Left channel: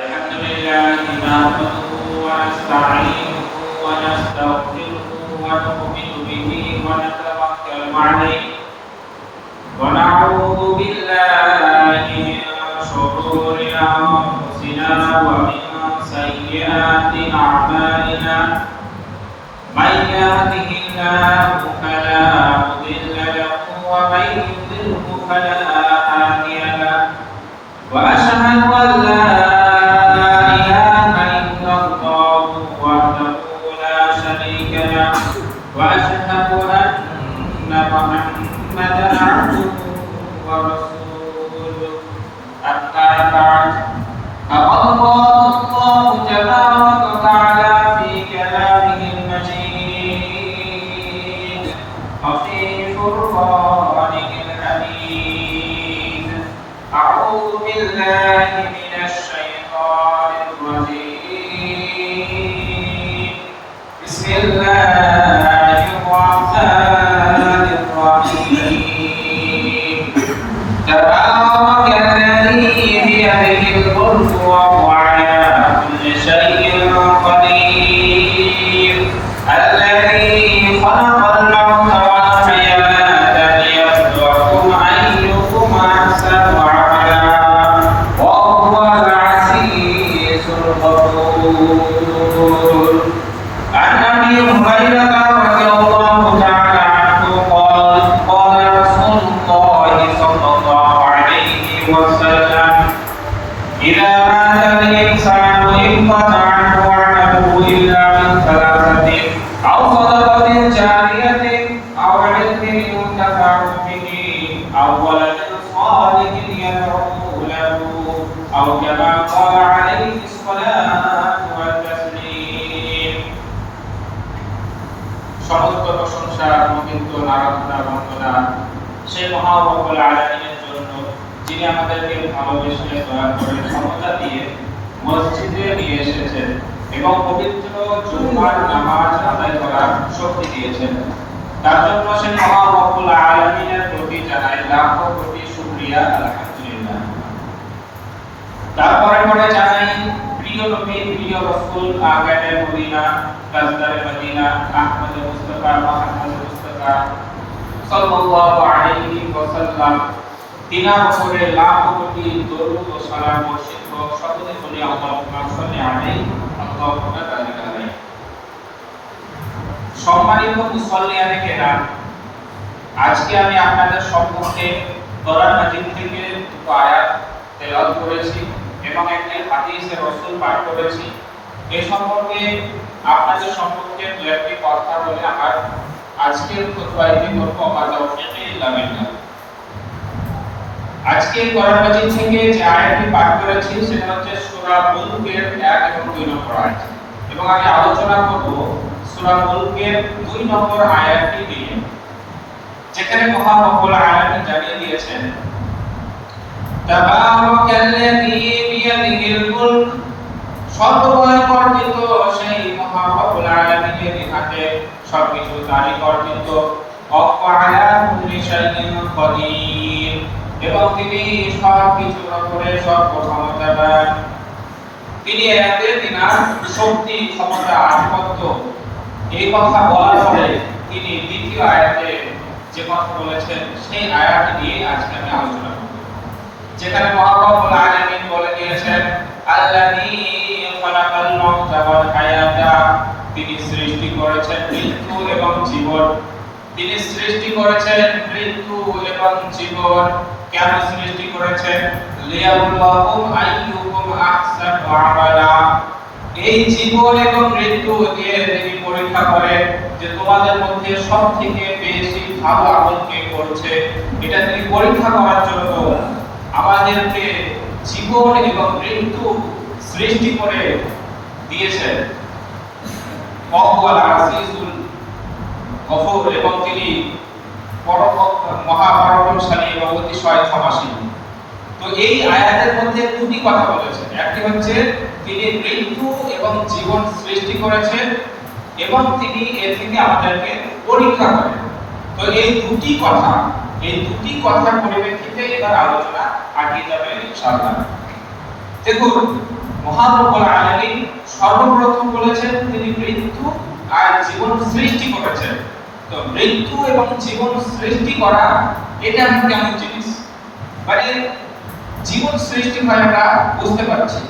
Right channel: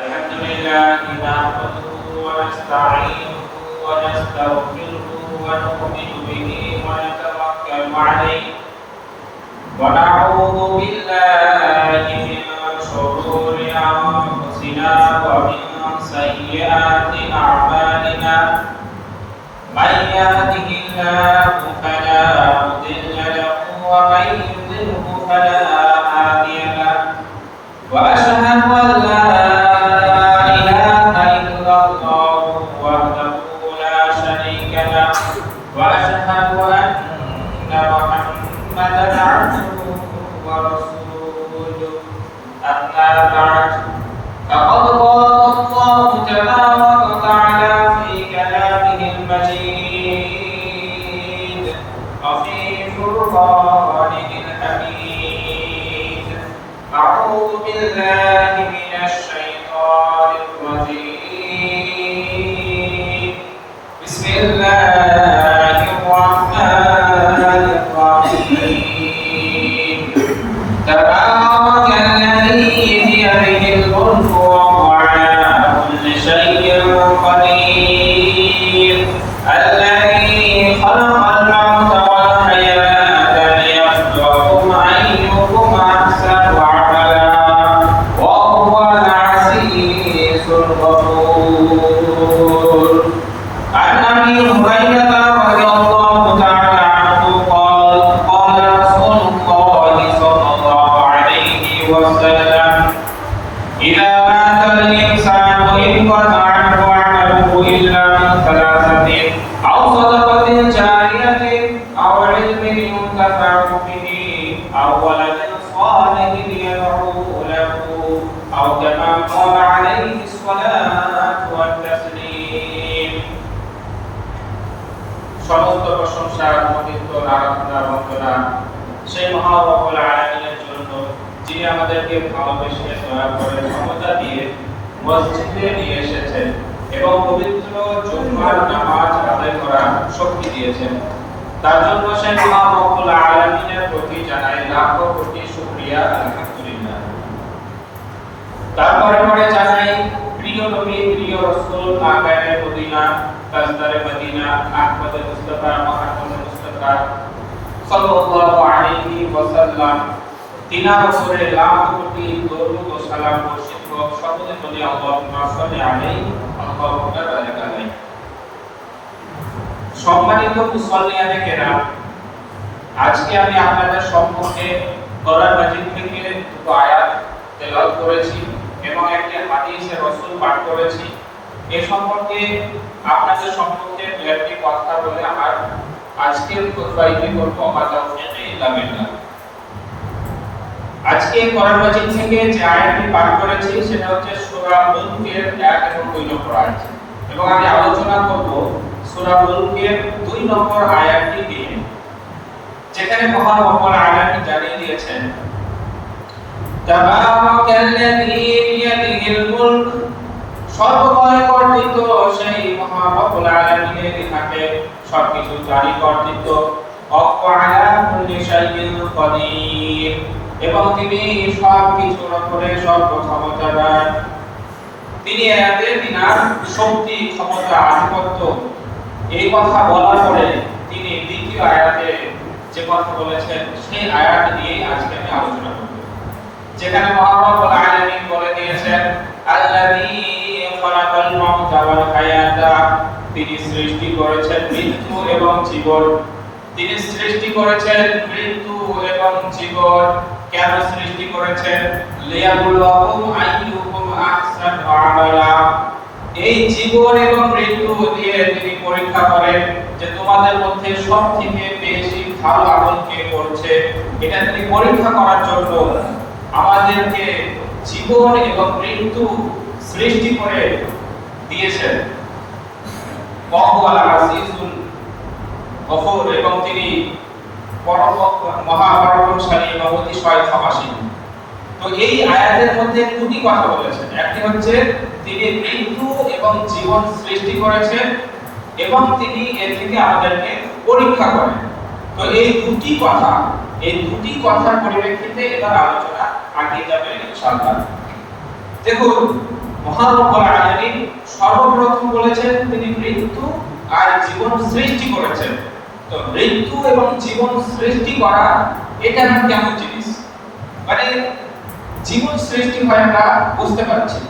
الحمد لله نحمده ونستعينه ونستغفره ونؤمن به ونتوكل عليه ونعوذ بالله من شرور أنفسنا ومن سيئات أعمالنا من يهده الله فلا مضل له ومن يضلله فلا هادي له وأشهد أن لا إله إلا الله وحده لا شريك له وأشهد أن محمدا عبده ورسوله أما بعد فقد قال الله تبارك وتعالى في كلامه المجيد وفي فرقانه الحميد أعوذ بالله من الشيطان الرجيم بسم الله الرحمن الرحيم تبارك الذي بيده الملك وهو على كل شيء قدير الذي خلق الموت والحياة ليبلوكم أيكم أحسن عملا وهو العزيز الغفور عن أبي هريرة رضي الله تعالى عنه قال قال رسول الله صلى الله عليه وسلم إذا مات الإنسان انقطع عنه عمله إلا من ثلاثة أو صدقة جارية أو علم ينتفع به أو ولد صالح يدعو له أو كما قال عليه الصلاة والتسليم সমস্ত প্রশংসা পবিত্র আরাধনা বন্দনা সেই মহান রব্বুল আলামিনের জন্য যিনি আমাদেরকে ভালোবেসে দয়া করে ক্ষমতা দিয়ে মসজিদে নিয়ে এসেছেন এবং পবিত্র জুমার নামাজ আদায় করার শক্তি দিয়েছেন তার জন্য সেই মহান রব্বুল আলামিনের প্রতি জানাই লাখো কোটি শুকরিয়া আলহামদুলিল্লাহ। তারপরে জানাই প্রিয় নবী প্রিয় রাসূল আগামে মদিনা কাজদারে মদিনা আহমদ মুস্তাফা মুহাম্মদ মুস্তাফা সাল্লাল্লাহু আলাইহি ওয়াসাল্লাম তিনা বছরে লাখ কোটি দরুদ ও সালাম বর্ষিত সকলে বলি আল্লাহুম্মা সাল্লি আলাইহি আল্লাহুম্মা বারিক আলাইহি। সম্মানিত মুসল্লিয়ানে কেরাম, আজকে আমি আপনাদের সম্মুখে কোরআন মাজিদ থেকে দুটো আয়াত তেলাওয়াত করেছি এবং একটি হাদিসে রাসূল পাঠ করেছি। এই সম্পর্কে আপনাদের সম্মুখে দু একটি কথা বলে আমার আজকের খুতবাটি করব আল্লাহ ইল্লা বিল্লাহ। আজকে কোরআন মাজিদ থেকে যে আয়াতটি পাঠ করেছি সেটা হচ্ছে সূরা মুলকের 1 এবং 2 নম্বর আয়াত এবং আমি আলোচনা করব সূরা মুলকের 2 নম্বর আয়াতটি নিয়ে, যেখানে মহান রব্বুল আলামিন জানিয়ে দিয়েছেন তাবারাকাল্লাযী বিয়াদিহিল মুলক, সর্বময় কর্তৃত্ব সেই মহান রব্বুল আলামিনের হাতে সবকিছু জারি কর্তৃত্ব, ওয়া আলা কুল্লি শাইইন কাদির, এবং তিনি সবকিছুর উপরে সর্বক্ষমতাবান। তিনি এদের তিনার শক্তি ক্ষমতা আধিপত্য এই কথা বলার পরে তিনি দ্বিতীয় আয়াতে যে কথা বলেছেন সেই আয়াত নিয়ে আজকে আমি আলোচনা করব, যেখানে মহান রব্বুল আলামিন বলে দিয়েছেন আল্লাযী খালাকাল মাউতা ওয়াল হায়াতা, তিনি সৃষ্টি করেছেন মৃত্যু এবং জীবন। তিনি সৃষ্টি করেছেন মৃত্যু এবং জীবন। কেন সৃষ্টি করেছেন? লিয়াবলুকুম আইয়ুকুম আহসানু আমালা, এই জীবন এবং মৃত্যু দিয়ে তিনি পরীক্ষা করেন যে তোমাদের মধ্যে সবথেকে বেশি ভালো আমল কে করছে। এটা তিনি পরীক্ষা করার জন্য আমাদেরকে জীবন এবং মৃত্যু সৃষ্টি করে দিয়েছেন। ওয়াহুয়াল আজিজুল গফুর, এবং তিনি পরম মহাপরাক্রমশালী এবং অতিশয় ক্ষমাশীল। তো এই আয়াতের মধ্যে দুটি কথা বলেছেন, একটি হচ্ছে তিনি মৃত্যু এবং জীবন সৃষ্টি করেছেন এবং তিনি এর থেকে আমাদেরকে পরীক্ষা করেন। তো এই দুটি কথার পরিপ্রেক্ষিতে এটার আলোচনা আগে যাবে ইনশাআল্লাহ। দেখুন মহান রব্বুল আলামিন সর্বপ্রথম বলেছেন তিনি মৃত্যু আর জীবন সৃষ্টি করেছেন। তো মৃত্যু এবং জীবন সৃষ্টি করা এটা কেমন জিনিস? মানে জীবন সৃষ্টি হয় আমরা বুঝতে পারছি,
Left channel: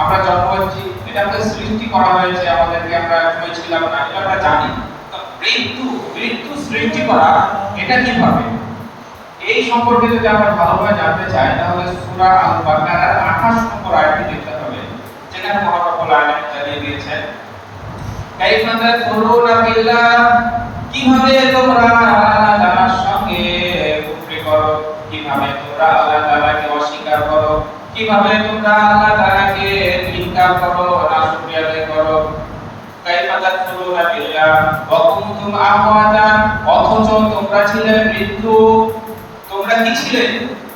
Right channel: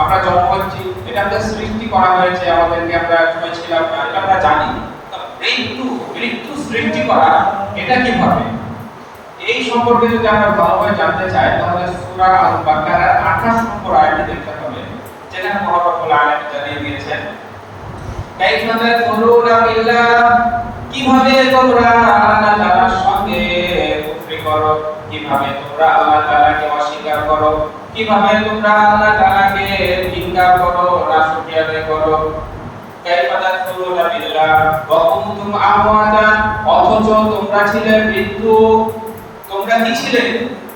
আমরা জন্ম হচ্ছি, এটা আমাদের সৃষ্টি করা হয়েছে, আমাদেরকে আমরা সময় ছিলাম না, এটা আমরা জানি। তো মৃত্যু সৃষ্টি করা এটা কিভাবে, এই সম্পর্কে যদি আমরা ভালোভাবে জানতে চাই তাহলে সূরা আল বাকারার 28 নম্বর আয়াতটি দেখতে হবে, যেখানে মহান রব্বুল আলামিন জানিয়ে দিয়েছেন কাইফা তাকফুরুনা বিল্লাহ, কিভাবে তোমরা আল্লাহ তাআলার সঙ্গে কুফরি করো, কিভাবে তোমরা আল্লাহ তাআলাকে অস্বীকার করো, কিভাবে তোমরা আল্লাহ তাআলাকে ইনকার করো, নাশকরিয়া আদায় করো। কাইফা তাকফুরুনা বিল্লাহ ওয়া কুনতুম আমওয়াতান, অথচ তোমরা ছিলে মৃত্যু। তোমরা কি ছিলে?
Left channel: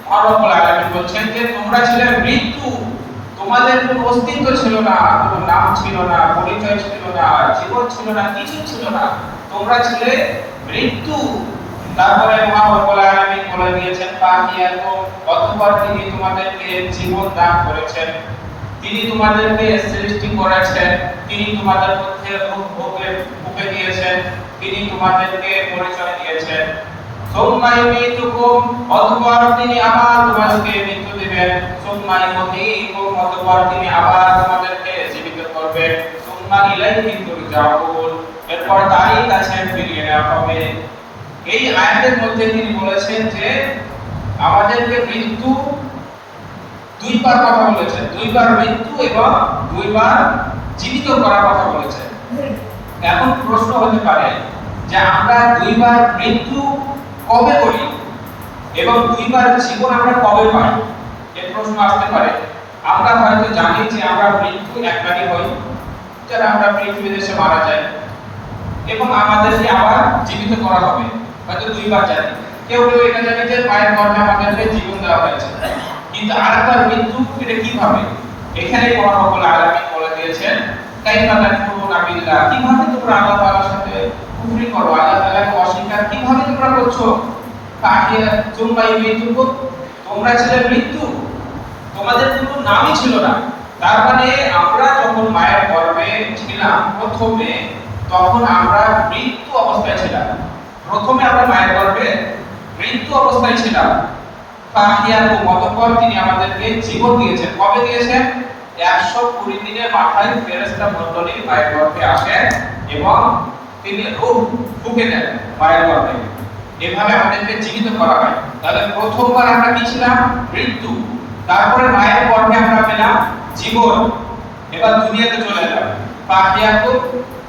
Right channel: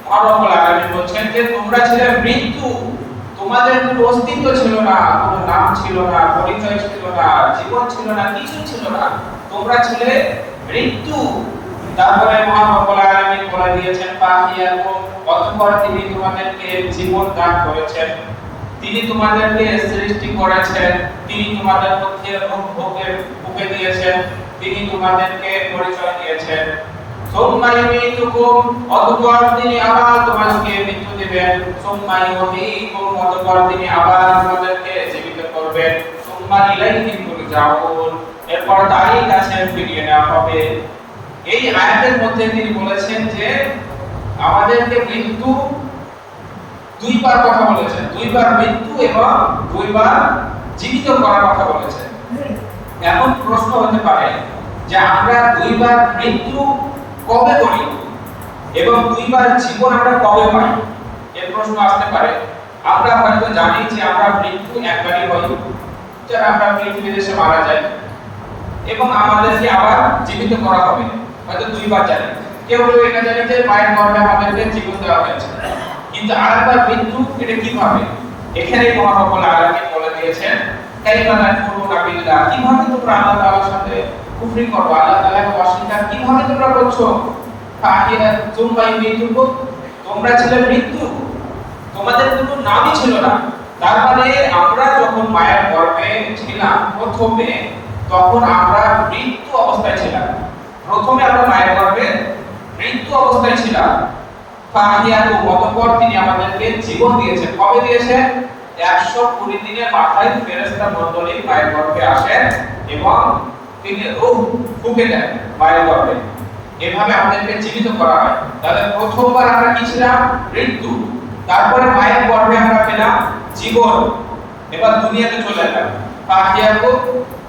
মহান রব্বুল আলামিন বলছেন যে তোমরা ছিলে মৃত্যু, তোমাদের কোনো অস্তিত্ব ছিল না, কোনো নাম ছিল না, পরিচয় ছিল না, জীবন ছিল না, কিছু ছিল না, তোমরা ছিলে মৃত্যু। তারপরে মহান রব্বুল আলামিন বলে দিয়েছেন ফাহিয়াকুম, অতঃপর তিনি তোমাদেরকে জীবন দান করেছেন, তিনি তোমাদেরকে সৃষ্টি করেছেন, তিনি তোমাদের মধ্যে রূহ ফুঁকে দিয়েছেন, তিনি তোমাদেরকে পরিচয় দিয়েছেন। সুম্মা ইউমীতুকুম, অতঃপর তিনি আবার তোমাদেরকে মৃত্যু দিবেন। সুম্মা ইউহয়ীকুম, অতঃপর তিনি আবার তোমাদেরকে জীবিত করবেন। সুম্মা ইলাইহি তুরজাউন, এরপর তারই কাছে ফিরিয়ে নেওয়া হবে। এই আয়াতের মধ্যে তিনি বলেছেন যে আমাদেরকে মৃত্যু দুইবার কথা বলেছেন, দুইবার মৃত্যু এবং দুইবার জীবিত করার কথা বলেছেন। এখন প্রশ্ন হতে পারে যে আমরা দুইবার মৃত্যু কবে করি এবং দুইবার জীবন আমরা কবে পাই? এই প্রশ্ন আসতে পারে। আমরা হয়তো জানি যে আমরা মৃত্যু একবারই হই, যারা আমরা পৃথিবীতে এসে মারা যায় এবং আমাদেরকে আবার জীবিত করা হবে, হয়তো দুইবার জানি। কেউ কেউ এটা জানে যে মায়ের গর্ভে আমাদেরকে জীবন দেওয়া হয়েছে, কিন্তু আরেকবার মৃত্যু এটা কিভাবে? এখানে মহান রব্বুল আলামিন বলে দিয়েছেন কাইফা তাকফুরুনা বিল্লাহ, কিভাবে তোমরা আল্লাহ তাআলার সাথে কুফরি করো, আল্লাহ তাআলাকে অস্বীকার কিভাবে তোমরা করছো? ফাহিয়া সুম্মা ইউমীতুকুম, তোমরা ছিলে মৃত্যু, তোমাদের কোনো নামই ছিল না। তার মানে আমরা যখন মায়ের গর্ভে ছিলাম প্রথমে, তখন আমরা মৃত্যু অবস্থায় ছিলাম। প্রথমে আমরা মায়ের গর্ভে মৃত্যু অবস্থায় ছিলাম। ফাহিয়াকুম, অতঃপর তিনি আমাদেরকে জীবন দিয়েছেন। কবে দিয়েছেন? 120 দিনের মাথায় ফেরেশতা মণ্ডলী মায়ের গর্ভে আসেন এবং তিনি রূহ ফুঁকে দেন মায়ের গর্ভে, এভাবে আমাদেরকে জীবিত করা হয়। তাহলে প্রথমবার আমরা কি ছিলাম? মৃত্যু। তারপরে মায়ের গর্ভে আমরা পেলাম জীবন, এবার দুনিয়াতে চলে এলাম। ফাহিয়াকুম,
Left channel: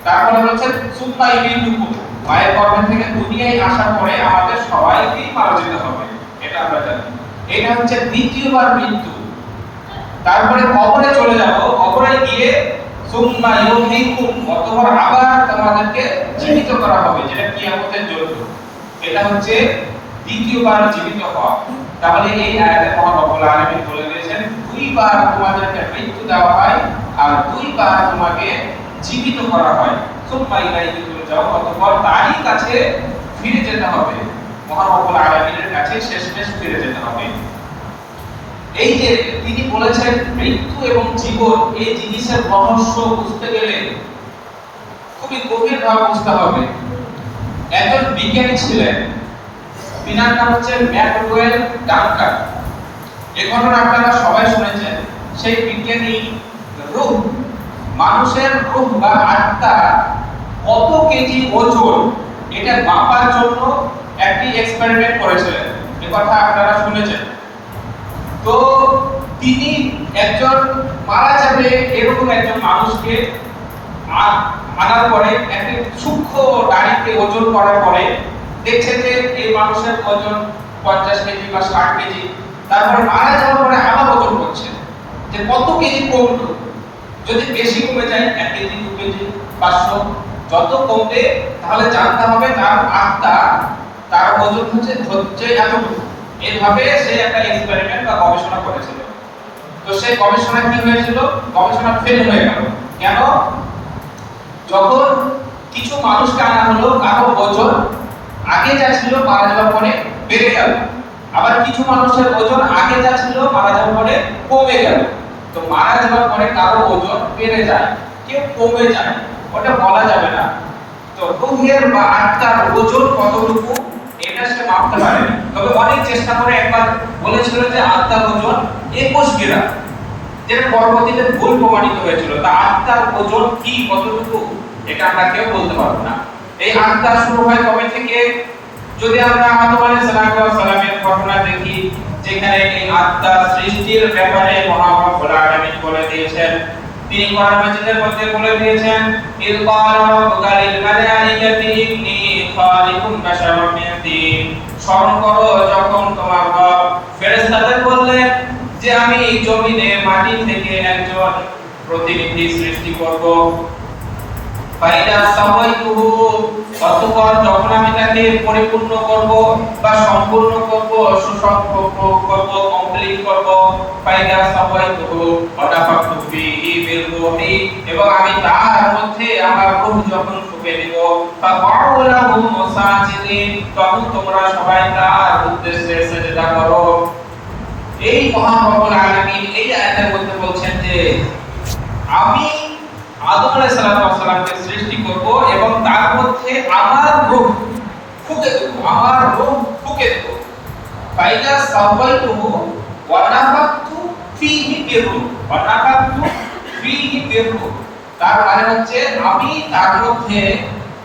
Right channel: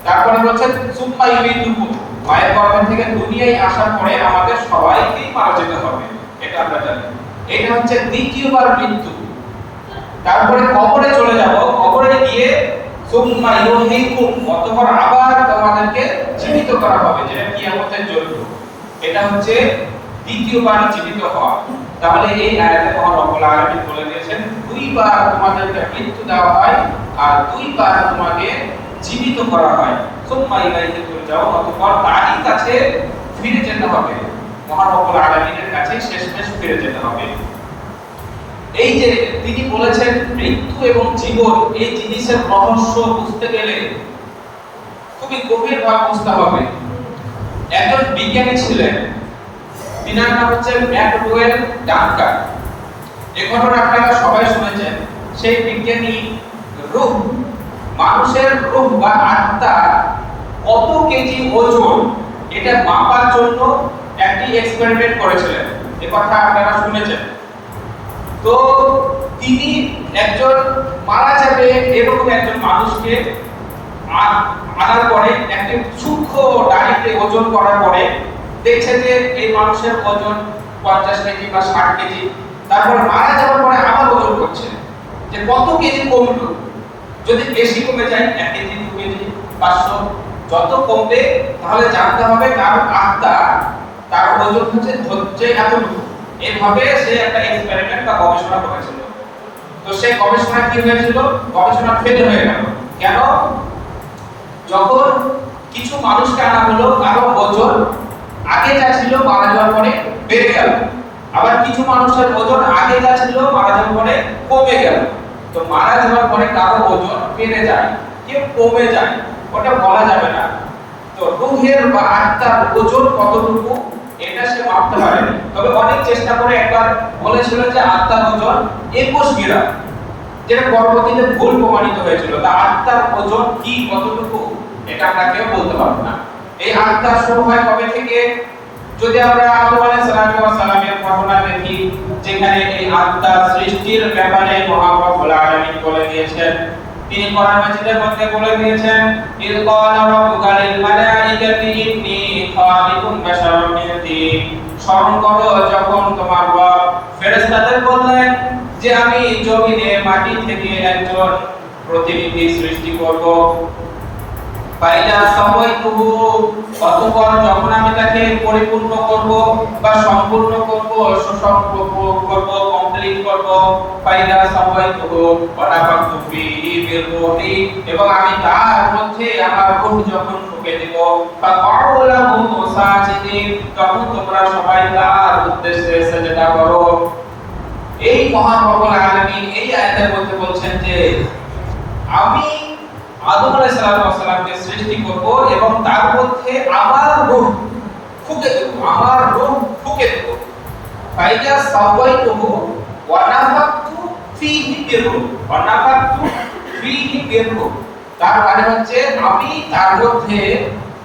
তারপরে বলছেন সুম্মা ইউমীতুকুম, মায়ের গর্ভ থেকে দুনিয়ায় আসার পরে আমাদের সবাইকেই মারা যেতে হবে, এটা আমরা জানি। এটা হচ্ছে দ্বিতীয়বার মৃত্যু। তারপরে কবরে চলে যাব, কবরে গিয়ে সুম্মা ইউহয়ীকুম, অতঃপর আবার তোমাদেরকে জীবিত করা হবে, যেটা কিয়ামতের জন্য। এটা হচ্ছে দ্বিতীয়বার জীবিত হওয়া। তাহলে এই আয়াতে মহান রব্বুল আলামিন বলে দিয়েছেন দুইবার তোমাদেরকে মৃত্যু দেওয়া হয় আর দুইবার তোমাকে জীবিত করা হয়। সুম্মা ইলাইহি তুরজাউন, অতঃপর তারই কাছে ফিরে যেতে হবে, মহান রব্বুল আলামিনের কাছে শেষমেশ ফিরে যেতে হবে। এই যে তিনি বলেছেন মৃত্যু এবং জীবন, এই জিনিসের রহস্য বুঝতে গেলে খুবই গভীরভাবে বুঝতে হবে। একজন বিজ্ঞানী ছিলেন, তিনার নাম হচ্ছে ম্যাকডওয়েল ডানকান। এই ঘটনা আপনারা সবাই শুনেছেন। সেই বিজ্ঞানী রূহ, মানুষের রূহ বা আত্মা কত কেজি ওজন, এটা মাপার জন্য একটি এক্সপেরিমেন্ট করেছিলেন। এই কথা আপনারা শুনেছেন। তো তিনি একজন মারা যাবে এরকম একজন মানুষকে আনার পরে একটি সূক্ষ্ম ডাড়িতে ওজন করার পরে দেখছে যে এই মানুষের ওজন 50 কেজি বা 60 কেজি। তারপরে মারা যাওয়ার পরে আবার ওজন করছে যে কত কেজি কমলো। যদি বেশি কমে যায় 1 কেজি, 2 কেজি, 500, যত কমবে তাহলে জানতে হবে তার আত্মা, তার ওজন হচ্ছে এতটুকু। এইভাবে সে একটা এক্সপেরিমেন্ট বা গবেষণা করেছিল। তো সেই গবেষণা কি হয়েছিল? গবেষণা ফেল হয়ে গেল। কেন? যখন কিছু মানুষকে আনা হলো, কারো ওজন আগে যা ছিল মারা যাওয়ার পরে বেড়ে গেল, আবার কিছু মানুষের ওজন আগে যা ছিল মারা যাওয়ার পরে কমে গেল। তো মারা যাওয়ার পরে কারো ওজন বেড়ে যায়, কেউ কমে যায়, ওটা বলা যাবে না। তো রূহের বা আত্মার ওজন কতটুকু এটা সে মাপতে পারেনি। তবে অনেক চেষ্টা করে একবার বলেছিল যে আত্মার ওজন 21 গ্রাম, যেটা পরবর্তীতে ভুল প্রমাণিত হয়েছিল। তা আত্মার ওজন কি কতটুকু এটা আমরা কেউ বলতে পারবো না। এই আত্মা শুরু হয় কবে থেকে? যদি আমরা আদম আলাইহিস সালামের ঘটনা দেখি, যেখানে এই আত্মার সৃষ্টির ব্যাপারে মহান রব্বুল আলামিন বলে দিয়েছেন। তিনি কোরআন মাজিদের মধ্যে বলে দিয়েছেন, ইয ক্বালা রাব্বুকা লিল মালাইকাতি ইন্নী খালিকুম বাশারাম মিন তিন। স্মরণ করো যখন তোমার রব ফেরেশতাদের বললেন যে আমি জমিনে মাটি থেকে একজন প্রতিনিধি সৃষ্টি করব। ফাইদা সাওয়াইতুহু, অতঃপর যখন আমি তাকে পরিপূর্ণ করব বা সম্পূর্ণ করব, সুসম্পূর্ণ করব, কমপ্লিট করব। ফাইদা সাওয়াইতুহু ওয়া নাফাখতু ফীহি মির রূহি, এবং আমি তার মধ্যে আমার রূহ যখন ফুঁকে দেব। ফাকাউ লাহু সাজিদিন, তখন তোমরা সবাই তার উদ্দেশ্যে সিজদা করো। এই মহান রব্বুল আলামিন এই আয়াতের মধ্যে বলছেন যে আমি আদম আলাইহিস সালামকে সৃষ্টি করব এবং তার মধ্যে আমার রূহ ফুঁকে দেব, আমার রূহ ফুঁকে দেব। ফাইদা সাওয়াইতুহু ওয়া নাফাখতু ফীহি মির রূহ, ওয়া নাফাখতু ফীহি মির রূহ, তার মানে হচ্ছে আমি তার মধ্যে,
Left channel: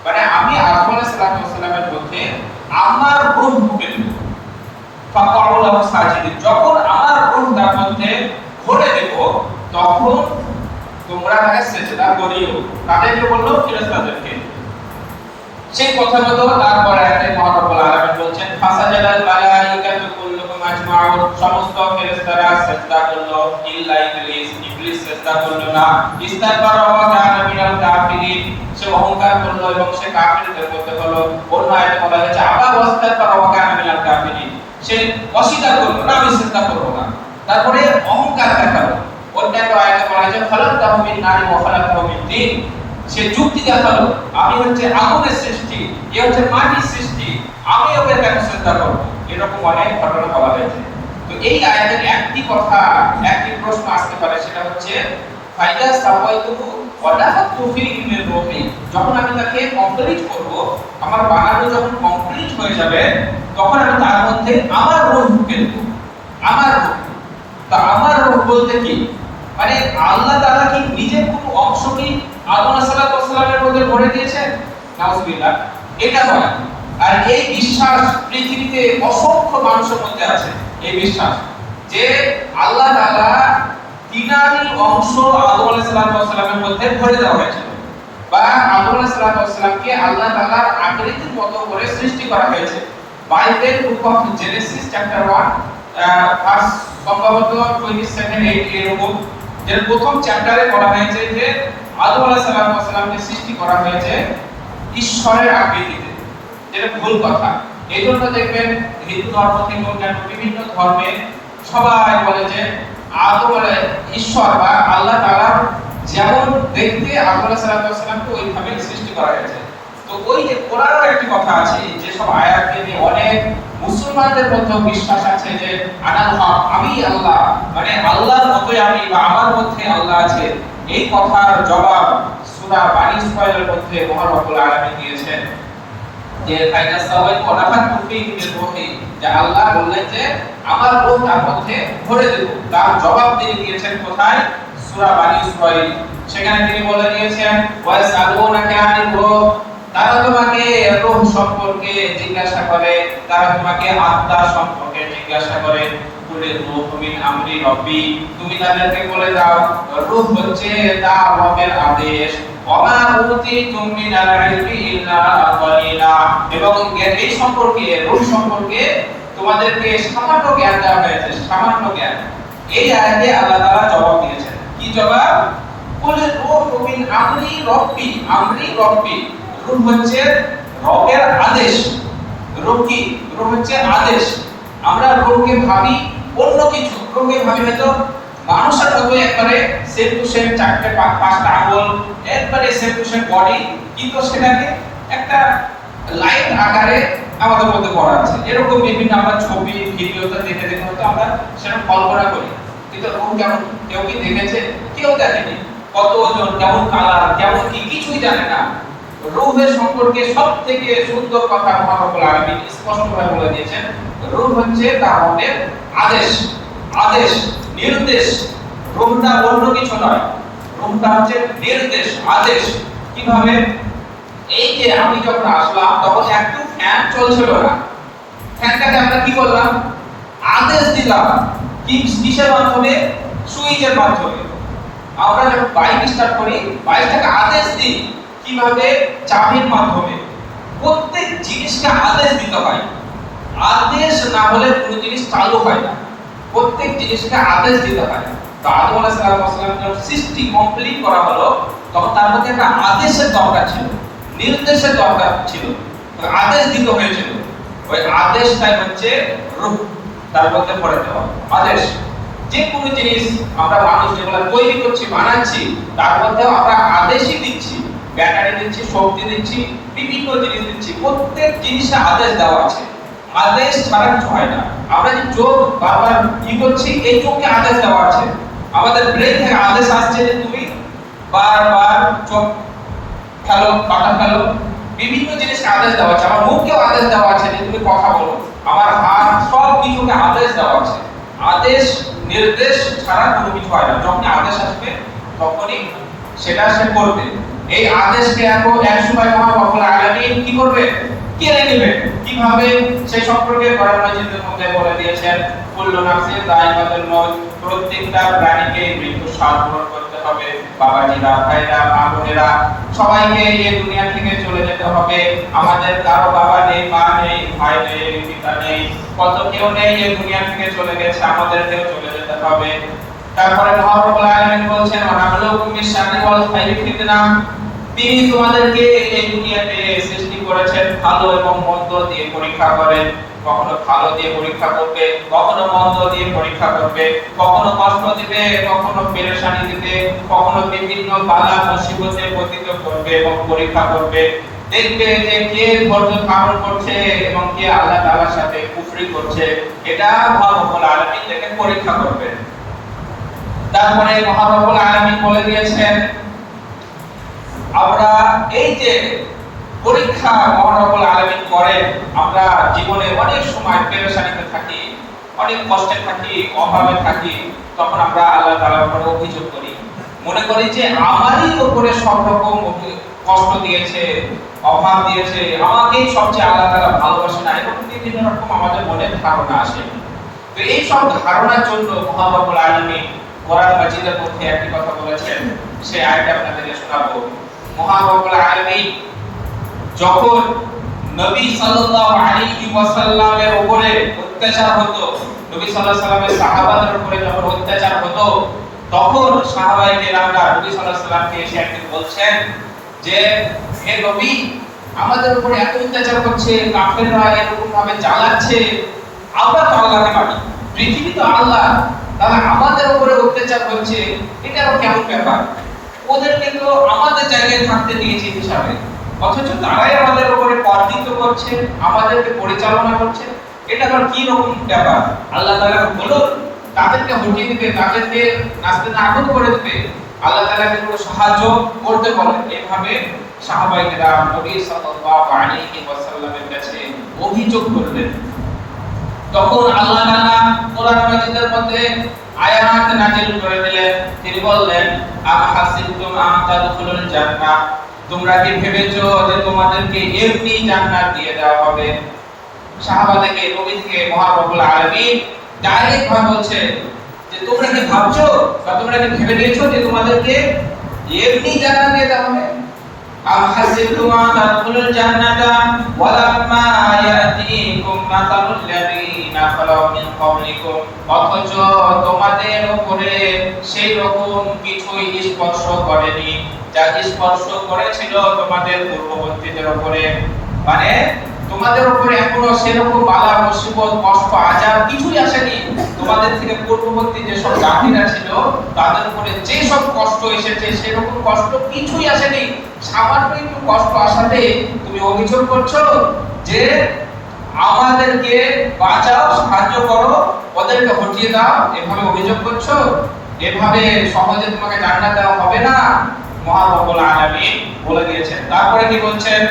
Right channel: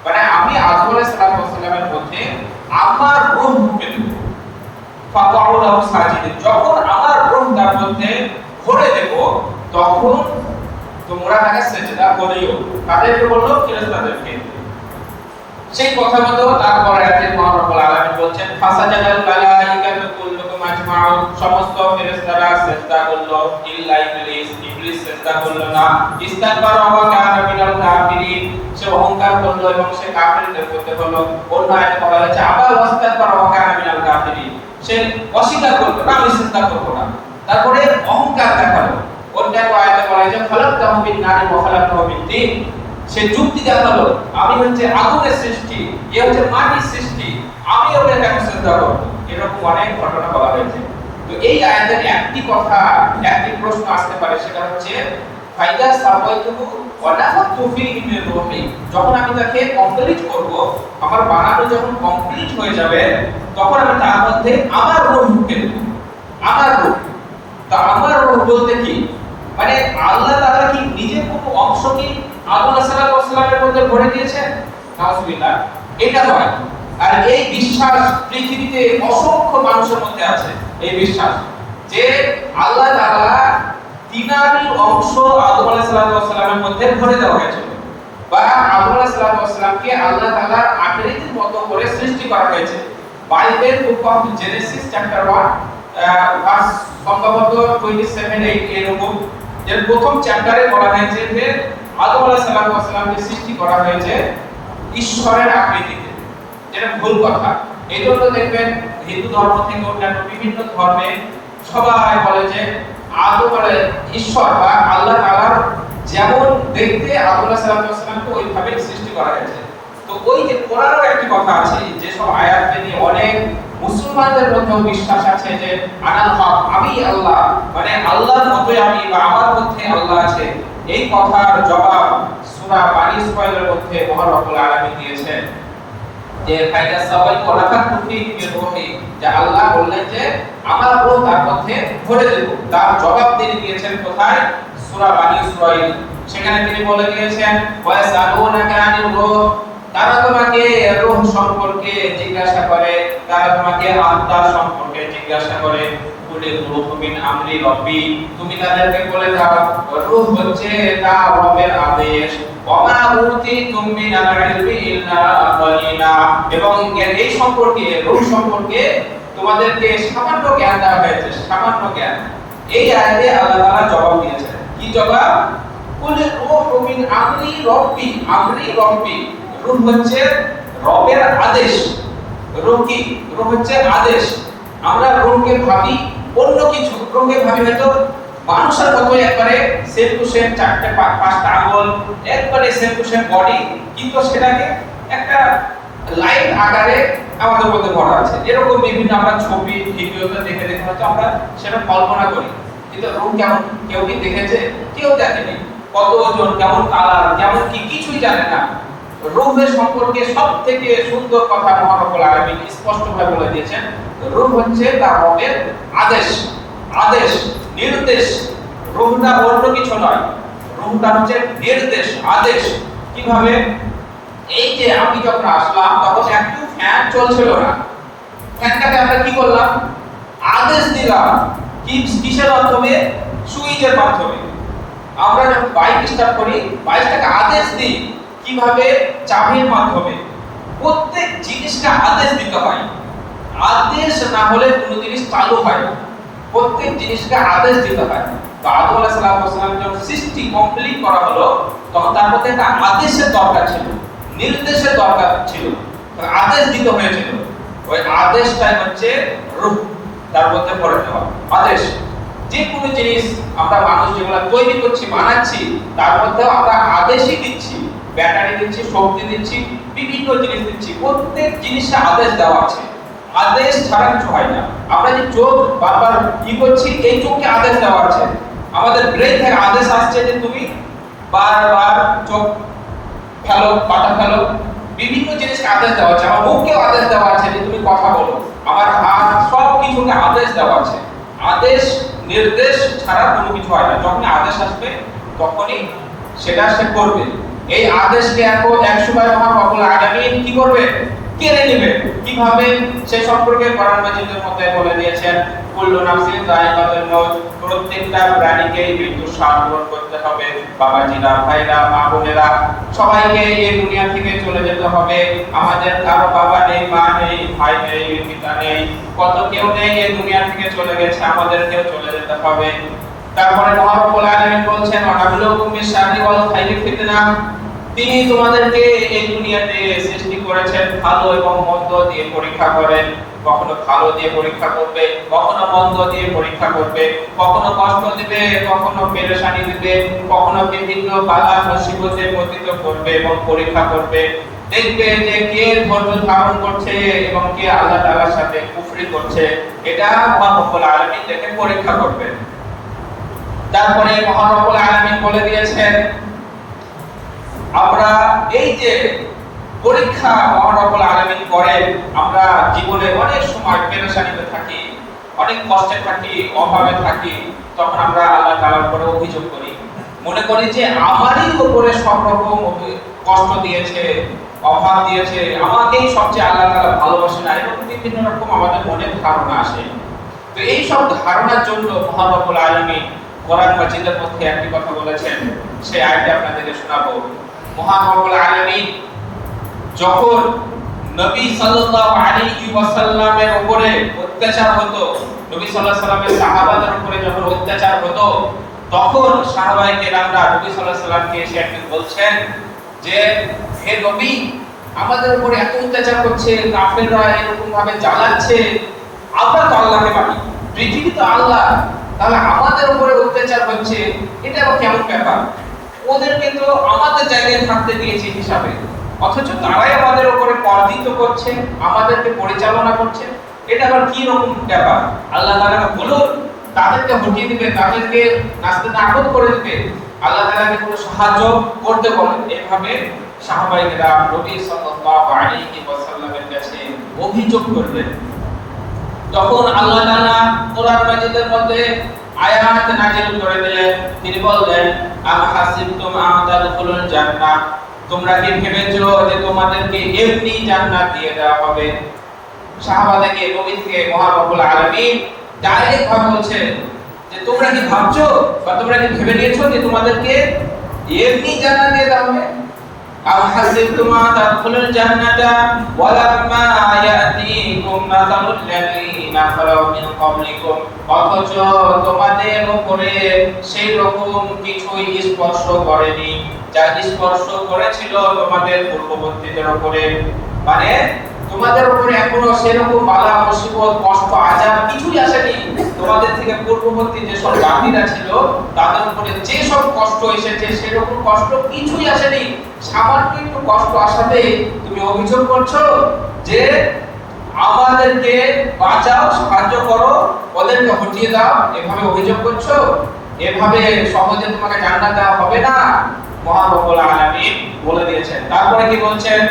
মানে আমি আদম আলাইহিস সালামের মধ্যে আমার রূহ ফুঁকে দেব। ফাকাউ লাহু সাজিদিন, যখন আমার রূহ তার মধ্যে ভরে দেব তখন তোমরা তাকে সিজদা করিও। তাদেরকে বললো? ফেরেশতাদেরকে। সেই কথা মতো তারপরে আয়াতে মহান রব্বুল আলামিন বলছেন, ফাসাজাদাল মালাইকাতু কুল্লুহুম আজমাউন, সমস্ত ফেরেশতারা সিজদা করলো ইল্লা ইবলিস, ইবলিস সিজদা করলো না। ইস্তাকবারা ওয়া কানা মিনাল কাফিরিন, সে অহংকার করলো এবং সে কাফিরদের মধ্যে হলো। অন্য আয়াতে বলা হয়েছে আবা ওয়াস্তাকবারা ওয়া কানা মিনাল কাফিরিন, সে অস্বীকার করলো না, আমি সিজদা করব না। তারপরে অহংকার দেখালো। অন্যান্য আয়াতে বলা হয়েছে খালাকতাহু মিন নারি ওয়া খালাকতাহু মিন তিন, সে যুক্তি দেখালো আমি হচ্ছে আগুনের সৃষ্টি, এ হচ্ছে মাটির সৃষ্টি, আমি ওকে কেন সিজদা করব। এরকম অনেক ঘটনা বলা হয়েছে। তো এই আয়াতের একটি কথা, একটি প্রশ্ন আসতে পারে, সেটা হচ্ছে ফাইদা সাওয়াইতুহু ওয়া নাফাখতু ফীহি মির রূহি, যখন আমি তাকে কমপ্লিট করব, আমার বানানো যখন কমপ্লিট হয়ে যাবে তখন আমি তার মধ্যে আমার রূহ ঢুকে দেব, আমার রূহ। তা আমার রূহ বলতে কি, মানে আল্লাহ তাআলা কি নিজের কোনো অংশ কি আদম আলাইহিস সালামের মধ্যে ভরে দিয়েছেন? নাউজুবিল্লাহ, এটা নয়। আর এই বিশ্বাস পৃথিবীতে অসংখ্য মানুষের মধ্যে আছে, এই বিশ্বাস যে আল্লাহ তাআলা তিনারি অংশ আদম আলাইহিস সালামের মধ্যে ভরে দেওয়া হয়েছে, বা আদম আলাইহিস সালামকে আল্লাহ তাআলার আকৃতির মতো করে সৃষ্টি করা হয়েছে। Bible book of Genesis chapter 1 verse সম্ভবত 27-8 এরকম, এর প্রথম চ্যাপ্টারে বলা হয়েছে যে আদম আলাইহিস সালামকে সৃষ্টি করা হয়েছে ঈশ্বরের আকৃতিতে, যেটা ভুল কথা। এইজন্য দেখবেন হিন্দু ধর্ম থেকে অন্যান্য বিভিন্ন ধর্মে সবাই বলে যে আদম ঈশ্বর বা আল্লাহ তাআলার যেমন দেখতে আদম আলাইহিস সালামকে ওইভাবে সৃষ্টি করা হয়েছে। তো ওই যে কোরআনেও একটি কথা আছে, যে সব আয়াতকে নিয়ে অনেক মুসলমানদের মধ্যে বিশ্বাস আছে যে আনাল হক, আমি আল্লাহ, মানে আল্লাহর মতোই আমি বা আমার মধ্যে আল্লাহ আছে। এই কথার জবাব সূরা বানী ইসরাঈলের মধ্যে মহান রব্বুল আলামিন দিয়েছেন যে ফাইদা সাওয়াইতু ওয়া নাফাখতু ফীহি মির রূহি, যে আল্লাহ বললেন যে আমার রূহ তার মধ্যে ভরে দেব। তার জবাব তিনি দিয়েছেন কোথায়? সূরা বানী ইসরাঈল। সেখানে তিনি বলে দিয়েছেন ওয়া ইয়াসআলুনাকা আনির রূহ, তারা তোমাকে রূহ সম্পর্কে জিজ্ঞাসা করে, তারা তোমাকে আত্মা সম্পর্কে জিজ্ঞাসা করে। বলে রূহ মিন আমরি রব্বি, তুমি তাদেরকে বলে দাও রূহ হচ্ছে তার রবের আদেশ। ওয়া উতিতুম মিনাল ইলমি ইল্লা কালিলা, এবং এই সম্পর্কে, রূহ সম্পর্কে তোমাদেরকে সামান্য জ্ঞান দেওয়া হয়েছে, সামান্য জ্ঞান। এই আয়াতে আল্লাহ তাআলা জবাব দিয়েছেন। কি জবাব? বলে রূহ মিন আমরি রব্বি, আমরি রব্বি, রূহ হচ্ছে রবের আদেশ। রূহ কি? রূহ হচ্ছে আদেশ। আমরা রূহকে ভাবি অন্য কিছু, রূহকে ভাবি হয়তো মানুষের মতো একবারে সেম টু সেম, চারটে পাঁচটা আঙ্গুল, একবারে সেম টু সেম বডি, কিন্তু সেটাকে একটা লাইন আকারে আমাদের মধ্যে করা আছে। এরকম বিভিন্ন আমরা ছবি ভিডিওতে দেখে দেখে হয়তো আমরা সেটা কল্পনা করি। কিন্তু রূপ কেমন কেউ কি দেখেছে? কেউ দেখেনি। কত ওজন, কেমন কালার, কেমন কি কিছুই জানে না। রূপের সম্পর্কে সবথেকে সুন্দর কথা মহান রব্বুল আলামিন স্পষ্টভাবে বলে দিয়েছেন। রূপ হচ্ছে তার রবের আদেশ, আদেশ, নির্দেশ। রূহটা অন্য কিছু নয়, রূহটা হচ্ছে নির্দেশ, আদেশ। কিভাবে? এই যে আমি যখন আসলাম তখন একটু ফ্যান চলছিল না, ফ্যানটাকে আমরা কি করলাম? আদেশ দিলাম। কিসের মাধ্যমে? সুইচের মাধ্যমে। আমরা যখন বাইক স্টার্ট করি, বাইকটাকে আদেশ দিই কিভাবে? চাবির মাধ্যমে। প্রত্যেক জিনিসকে আদেশ দিতে হয়, আদেশ না হলে কোনো জিনিস চালু হয় না। প্রত্যেক জিনিসকে আদেশ দিতে হয়। তো আদম আলাইহিস সালাম যখন সৃষ্টি কমপ্লিট করা হলো, তখন তার মধ্যে একটা আদেশের দরকার ছিল, নির্দেশের দরকার ছিল, আদেশ দিতে হয়েছিল। ওই আদেশটাই হচ্ছে রূহ, তার মধ্যে পড়ে দেওয়া আদেশ। যে কোনো জিনিস আমরা মানুষ যেগুলো তৈরি করছি, বানাচ্ছি, তার মধ্যেও আমরা আদেশই দিচ্ছি। ব্যাটারি দিচ্ছি, শক্তি দিচ্ছি, বিভিন্ন জিনিস দিচ্ছি, প্রত্যেক জিনিসে আদেশ দেওয়া আছে। আদেশ ছাড়া কিছু হয় না। আমরা যে চোখ বারবার কি করছি, এই চোখকে আদেশ দেওয়া আছে। আমাদের ব্রেন থেকে আদেশ আসছে যে তুমি বারবার চোখ ফেলো, পাটা ফেলো, বিভিন্ন জিনিসকে আদেশ দেওয়া আছে। আমার মুখকেও আদেশ দেওয়া আছে যে তুমি কথা বলো, আমার হাত, সব কিছুকে আদেশ দেওয়া আছে। আদেশ নির্দেশ ছাড়া কোনো কিছু হয় না। যখন আদেশ আসবে তখনই সেটা সে করবে। এই আদেশকে এক সময় মহান রব্বুল আলামিন কি করবে? কেড়ে নেবে। কিভাবে? সেই সম্পর্কে কোরআন মাজিদের মধ্যে বলে দিয়েছেন, কুল্লু নাফসিন যায়িকাতুল মউত, প্রত্যেকটা প্রাণীকে মৃত্যুর স্বাদ গ্রহণ করতে হবে। বাবাজিরা, ভাইরা, মা বোনেরা, সবাইকে এই দুনিয়া থেকে চলে যেতে হবে। আমাদের কারো বাবা নেই, মা নেই, ভাই নেই, পিতা নেই, কত কেউ নেই, এই দুনিয়া থেকে চলে গেছে, আমাদেরকেও চলে যেতে হবে। তারপরে মহান রব্বুল আলামিন বলছেন, ওয়ানাবলুকুম বিশ-শাররি ওয়াল খাইরি ফিতনা, তিনি তোমাদেরকে এই দুনিয়াতে সৃষ্টি করেছেন ভালো এবং মন্দ দিয়ে পরীক্ষা করেন। কখনো ভালো দিয়ে পরীক্ষা করবে, কখনো মন্দ দিয়ে পরীক্ষা করবে, কখনো কষ্ট দিবে, কখনো পেরেশানি দিবে, কখনো বিভিন্ন বালা মুসিবতে পতিত করবে এবং পরীক্ষা করবে। দেখবে যে কে ধৈর্য ধারণ করছে এবং কে আল্লাহ তাআলার সাথে কুফরি করছে, এটা মহান রব্বুল আলামিন দেখে পরীক্ষা করবেন। তারপরে মহান রব্বুল আলামিন বলে দিয়েছেন, আমরা এই যে পরীক্ষা মহান রব্বুল আলামিন করেন, আমরা জীবনে অনেক সময় পেরেশানিতে থাকি, অনেক কষ্টে থাকি, অভাবে থাকি, তখন আমরা আল্লাহ তাআলার উপরে অভিযোগ করি, মনে করি যে আমারই উপরে সব রকম কষ্ট দিয়েছে, অভাব দিয়েছে, আমাকেই সবচেয়ে আল্লাহ তাআলা ভালোবাসে না, এরকম বিভিন্ন রকম আমাদের মনে ধারণা আসে। তো এই সব ধারণার জন্য মহান রব্বুল আলামিন কোরআন মাজিদের মধ্যে একটি কথা বলেছেন, সেই আয়াতটি আপনাদেরকে শোনাবো। মহান রব্বুল আলামিন যখন নবী সাল্লাল্লাহু আলাইহি ওয়াসাল্লামের উপরে অত্যাচার হতো, নবী সাল্লাল্লাহু আলাইহি ওয়াসাল্লামের সাহাবাদের উপরে যখন অত্যাচার হতো, তখন সাহাবায়ে কেরামরা নবী সাল্লাল্লাহু আলাইহি ওয়াসাল্লামকে এসে একদিন বলছেন যে, হে নবী, আমাদের উপরে এত অত্যাচার করছে, কাফেররা এরকম ভাবে জ্বালাচ্ছে, আমরা তো আল্লাহকে মানি, পৃথিবী তো আল্লাহ, তাহলে আমাদের উপরে অত্যাচার হচ্ছে, এটা আবার কেমন ব্যাপার? ওদেরকে তো আমাদের জায়গায় থাকতে দিয়েছে হিসাবে, অথচ তারাই আমাদের উপরে কর্তৃত্ব করছে, আমাদেরকে পরিচালনা করছে, এটা আবার কি রকম ব্যাপার? আল্লাহ তাআলা বলুন, তাদেরকে হটিয়ে দিবে, তাদেরকে নাস্তে নাবুদ করে দিবে, আল্লাহ তাআলাকে কোনো সাহায্য করতে বলেন। এভাবে সাহাবায়ে কেরাম নবী সাল্লাল্লাহু আলাইহি ওয়াসাল্লামের কাছে অভিযোগ করলেন। তখন আল্লাহ তাআলা কোরআন মাজিদের মধ্যে আয়াত নাযিল করে দিলেন। তিনি বললেন, আম হাসিবতুম আন তাদখুলুল জান্নাহ, তোমরা কি ভেবেছো যে তোমাদেরকে এমনি জান্নাত দিয়ে দেওয়া হবে? সাহাবাদেরকে, নবীকে মহান রব্বুল আলামিন ডাইরেক্ট ভাবে বলছে যে তোমরা কি ভাবছো বা তোমরা কি ভেবে নিয়েছো যে তোমাদেরকে এমনি জান্নাত দিয়ে দেওয়া হবে? আম হাসিবতুম আন তাদখুলুল জান্নাতা ওয়ালাম্মা ইয়াতিকুম মাসালুল লাযীনা খালাউ মিন ক্বাবলিকুম, অথচ তোমাদের উপরে সেই রকম কিছুই স্পর্শ করেনি যা স্পর্শ করেছিল তোমাদের পূর্ববর্তীদের উপরে। মানে তোমাদের উপরে এখনো সেরকম বালা মুসিবত, কষ্ট, আযাব কিছুই আসেনি। তোমাদের থেকে পূর্ববর্তী যে সব জাতিরা ছিল তাদের উপরে যে সব কষ্ট এসেছে সেরকম কষ্ট কিছুই আসেনি। সামান্য একটু কষ্ট আসাতে তুমি অভিযোগ করছো যে আমাদেরকে বাঁচাও, সাহায্য করো, ওদেরকে হটিয়ে দাও, এভাবে অভিযোগ করছো, এভাবে সহজে তোমাকে জান্নাত দেওয়া হবে না। মহান রব্বুল আলামিন বলে দিয়েছেন। তারপরে কি বলছেন?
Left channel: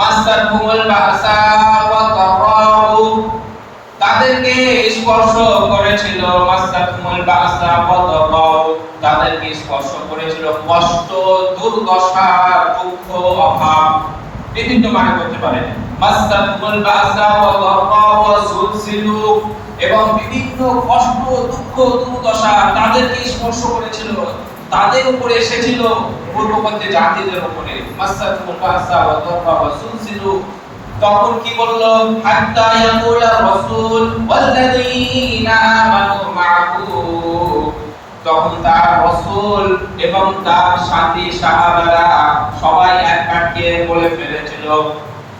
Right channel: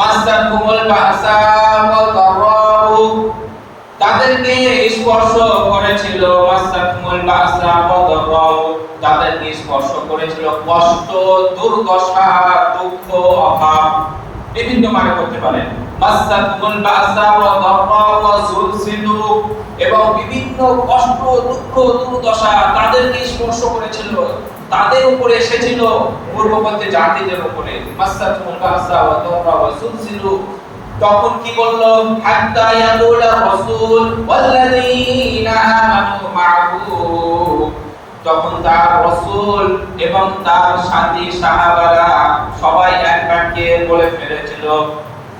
মাসাকুমুল বাসা ওয়াল দারাউ, তাদেরকে স্পর্শ করেছিল, মাসাকুমুল বাসা ওয়াল দারাউ, তাদেরকে স্পর্শ করেছিল কষ্ট, দুর্দশা, দুঃখ, অভাব, বিভিন্ন মানে করতে পারে। মাসাকুমুল বাসা ওয়াল দারাউ ওয়া যুলজিলু, এবং বিভিন্ন কষ্ট, দুঃখ, দুর্দশা তাদেরকে স্পর্শ করেছিল, তাদের উপরে এসেছিল, পূর্ববর্তী জাতিদের উপরে। মাসাকুমুল বাসা ওয়া দারাউ ওয়া যুলজিলু, তখন কি বললো? হাত্তা ইয়াকুলা রাসূল ওয়াল্লাযীনা আমানু মা'হু, তখন তার রাসূল এবং তার সাথী সাহাবারা সবাই এক বাক্যে বলে ফেলেছিল,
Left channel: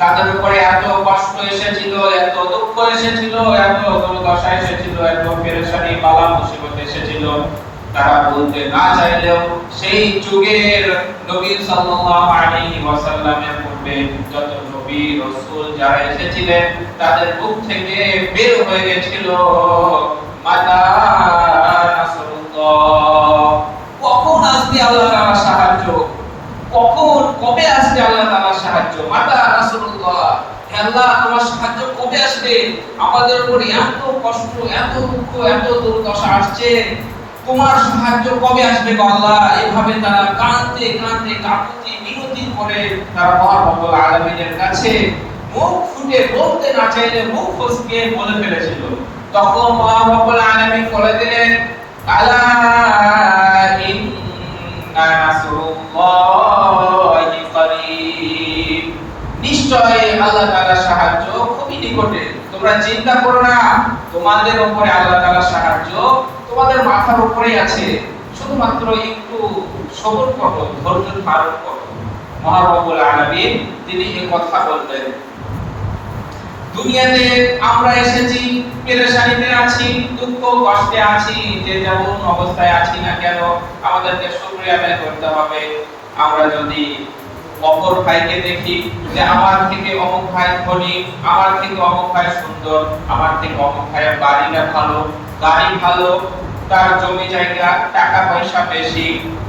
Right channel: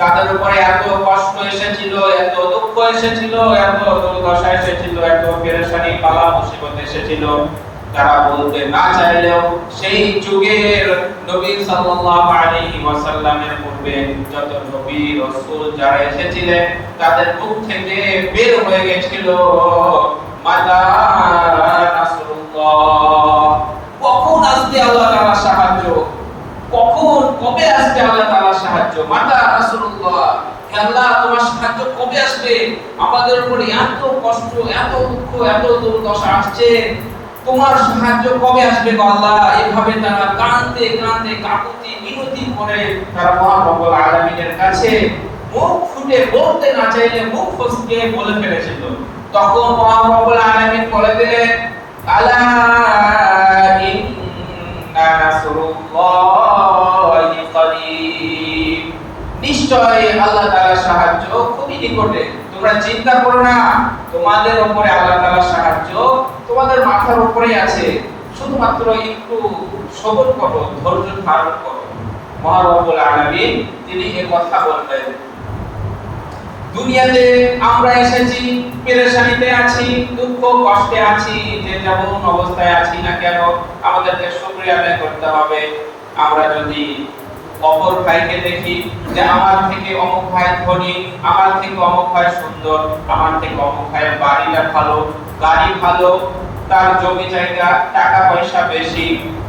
তাদের উপরে এত কষ্ট এসেছিল, এত দুঃখ এসেছিল, এত দুর্দশা এসেছিল, এত পেরেশানি, বালা মুসিবত এসেছিল, তারা বলতে না চাইলেও সেই যুগের নবী সাল্লাল্লাহু আলাইহি ওয়াসাল্লামের পূর্বে যত নবী রাসূল যারা এসেছিলেন তাদের মুখ থেকে বের হয়ে গিয়েছিল, মাতা নাসরুল্লাহ, কখন আসবে আল্লাহ তাআলার সাহায্য, কখন কবে আসবে আল্লাহ তাআলার সাহায্য, মাতা নাসরুল্লাহ, হে আল্লাহ তোমার সাহায্য কবে আসবে, আমাদের উপরে এত কষ্ট, এত দুঃখ, এত দুর্দশা আসছে, তোমার সাহায্য কবে আসবে গো আল্লাহ। এভাবে তারা কাঁদতে কাঁদতে কাকুতি মিনতি করে তারা মহান রব্বুল আলামিনের কাছে মুখ ফুটে বলতে না চাইলে মুখ ফসকে বলে ফেলেছিল। তখন মহান রব্বুল আলামিন বলে দিলেন, আলা ইন্না রাসূলুল্লাহি করিব, নিশ্চয়ই আল্লাহ তাআলার সাহায্য খুবই নিকটে, তোমরা চিন্তা করো না, তোমাদের উপরে আল্লাহ তাআলার সাহায্য তোমাদের মাথার উপরে আছে, শুধুমাত্র একটু সবর করো, ধৈর্য ধারণ করো। মহান রব্বুল আলামিন তিনি এই কথা বললেন। দুনিয়াতে আমরা এসেছি, পেরেশানিতে আছি, দুঃখ কষ্টে আছি, যে যেমন অবস্থায় আছি না কেন আমাদেরকে শুকরিয়া আদায় করতে হবে। আমরা যদি অপর ভাইকে দেখি যে আমার থেকে অমুক ভাই ধনী, আমার থেকে অমুক ভাই সুন্দর, আমার থেকে অমুক ভাইয়ের বাড়িটা ভালো, গাড়ি ভালো, তার জমি জায়গা, টাকা পয়সা বেশি,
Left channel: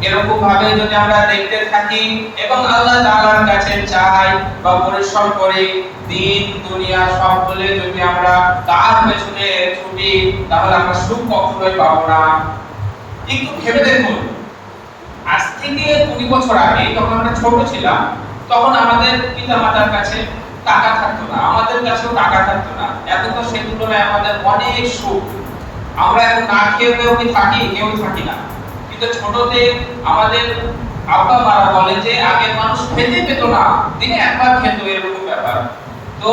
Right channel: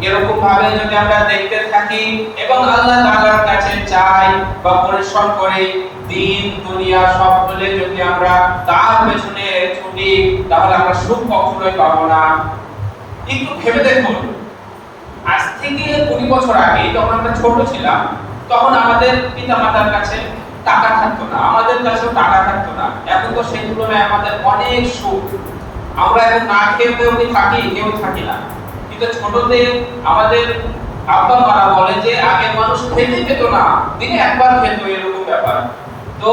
এরকম ভাবে যদি আমরা দেখতে থাকি এবং আল্লাহ তাআলার কাছে চাই বা পরিশ্রম করি, দিন দুনিয়া সব বলে যদি আমরা তার পেছনে ছুটি, তাহলে আমরা সুখ কখনোই পাবো না। একটু ভেবে দেখুন, আজ থেকে 20 বছর আগে যখন আমরা ছোট ছিলাম, তখন আমাদের পিতামাতার কাছে টাকা থাকতো না, আমাদের কাছেও টাকা থাকতো না। এখন তো সেই তুলনায় আমাদের অনেক সুখ। আমরা এখন না খেয়ে কি থাকি? কেউ থাকি না। কিন্তু ছোটতে আমাদের আব্বা মারা বলে যে আগে মানুষ খেতে পেত না, দিনে একবার খেত, এরকম ব্যাপার। তো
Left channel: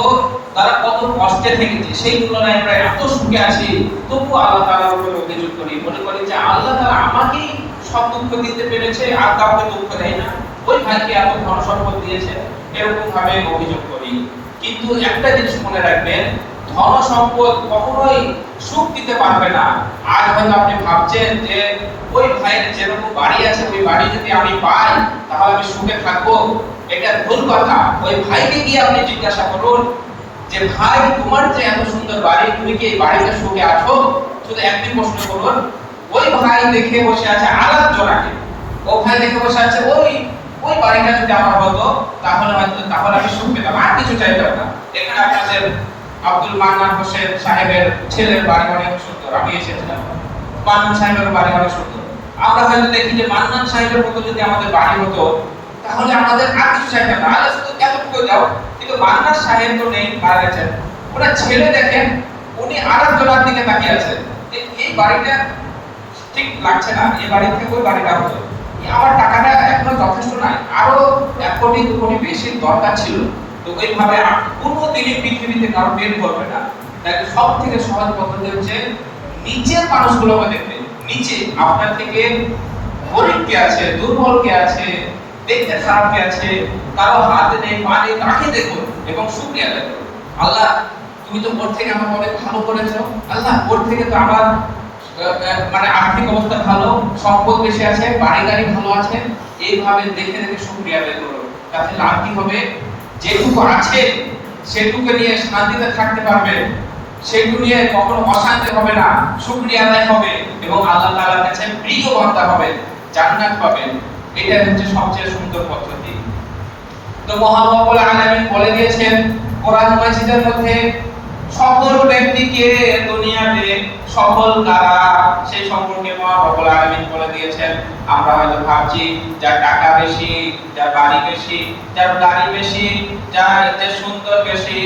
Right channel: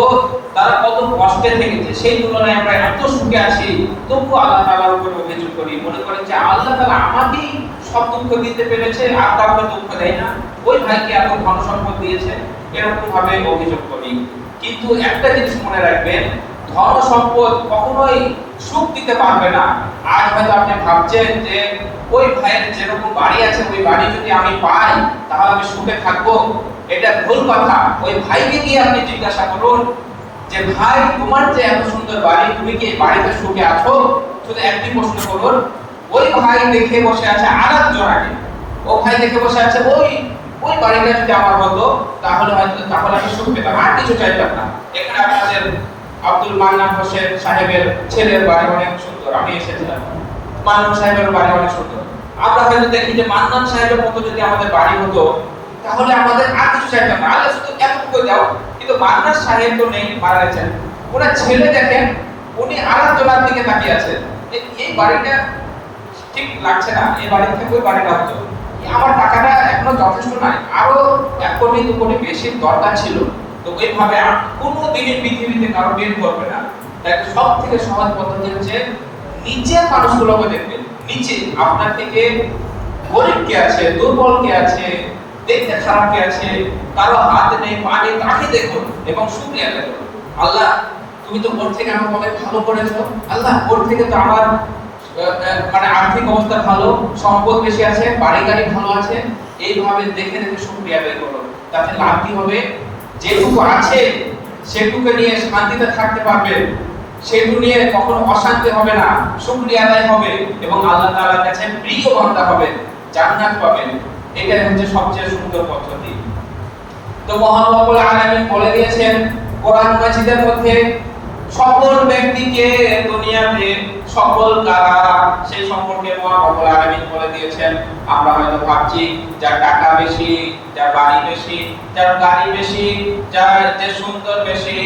তারা কত কষ্টে থেকেছে, সেই তুলনায় আমরা এত সুখে আছি, তবু আল্লাহ তাআলার উপর অভিযোগ করি, মনে করি যে আল্লাহ তাআলা আমাকেই সব দুঃখ দিতে পেরেছে, আর কাউকে দুঃখ দেয় না, ওই ভাইকে এত ধন সম্পদ দিয়েছে, এরকম ভাবে অভিযোগ করি। কিন্তু একটা জিনিস মনে রাখবেন, ধন সম্পদ কখনোই সুখ দিতে পারবে না। আজ হয়তো আপনি ভাবছেন যে ওই ভাইয়ের যেরকম বাড়ি আছে, ওই বাড়ি যদি আমি পাই তাহলে আমি সুখে থাকবো, এটা ভুল কথা। ওই ভাইকে গিয়ে আপনি জিজ্ঞাসা করুন যে ভাই তোমার যে এত সুন্দর বাড়ি, তুমি কি এই বাড়িতে সুখে আছো? শুধু একটি প্রশ্ন করুন। ওই ভাই দেখে বসে আছে আলাপ জোড়াকে, ও ভাই দেখে বসে আছে ওই বাড়িটা যদি আমার হতো তাহলে আমি সুখ পেতাম, আর কিছু চাইতাম না। এখানে আমাদের আব্দুল মান্নান হোসেন সাহেবের ছেলের বাড়ি অনেক সুন্দর, আমি এসেছিলাম, মান্নান সাহেবের বাড়ি অনেক সুন্দর। আমরা হয়তো দেখি যে মান্নান সাহেবের মতো যদি আমাদের বাড়ি হতো তাহলে আমাদের আর কিছু চাইতাম না, আল্লাহ শুধু কেন করে দাও। কিন্তু মান্নান সাহেব তো নেই, মারা গেছেন। ওনার ছেলে দেখেন, উনি আরেকজনের দিকে তাকিয়ে আছেন যে এই বাড়িটা ঠিক লাগছে না, এই বাড়ি থেকে ওই বাড়িটা হতো, আমার টাকাটা এখনো যথেষ্ট নাই, আরো 1 কোটি 2 কোটি বেশি দরকার ছিল। তো এইভাবে কোনো দিনই পৃথিবীতে কারো বের করবে না। তাই সব থেকে সহজ পদ্ধতি হচ্ছে নিচের মানুষগুলোকে দেখতে, নিচে আপনার থেকে গরিব কে আছে, দুর্বল কে আছে, দেখতে খারাপ কে আছে, কারো হাতে নেই পা নেই, তাকে দেখুন এবং শুকরিয়া আদায় করুন। আল্লাহ তুমি তো ওর থেকে আমাকে অনেক ভালো করেছো, আল্লাহ ওর থেকে তো আমার মানে আর্থিক অবস্থা ভালো, সম্পদ বেশি আছে, বাড়ি গাড়ি ভালো আছে, এইভাবে দেখে দেখে শুকরিয়া আদায় করুন। তাতে লাভ কি হবে? যেটুকু আছে সেটুকু নিয়ে শান্তিতে থাকতে পারবেন, সেটুকু নিয়ে কখনো অশান্তি হবে না, শুকরিয়া আদায় হবে এবং আল্লাহ তাআলার কাছে প্রিয় বান্দা হবেন, জান্নাত পাবেন। এটাই হচ্ছে সবচেয়ে সুন্দর পদ্ধতি। তো মহান রব্বুল আলামিন বলে দিয়েছেন কোরআন মাজিদের মধ্যে, সফল ব্যক্তিকে দুনিয়াতে সফল কারা সেই সম্পর্কে মহান রব্বুল আলামিন বলে দিয়েছেন। আমরা হয়তো ভাবছি যার টাকা বেশি, যার বাড়ি বেশি, যার গাড়ি বেশি, যার যে সুন্দর বেশি,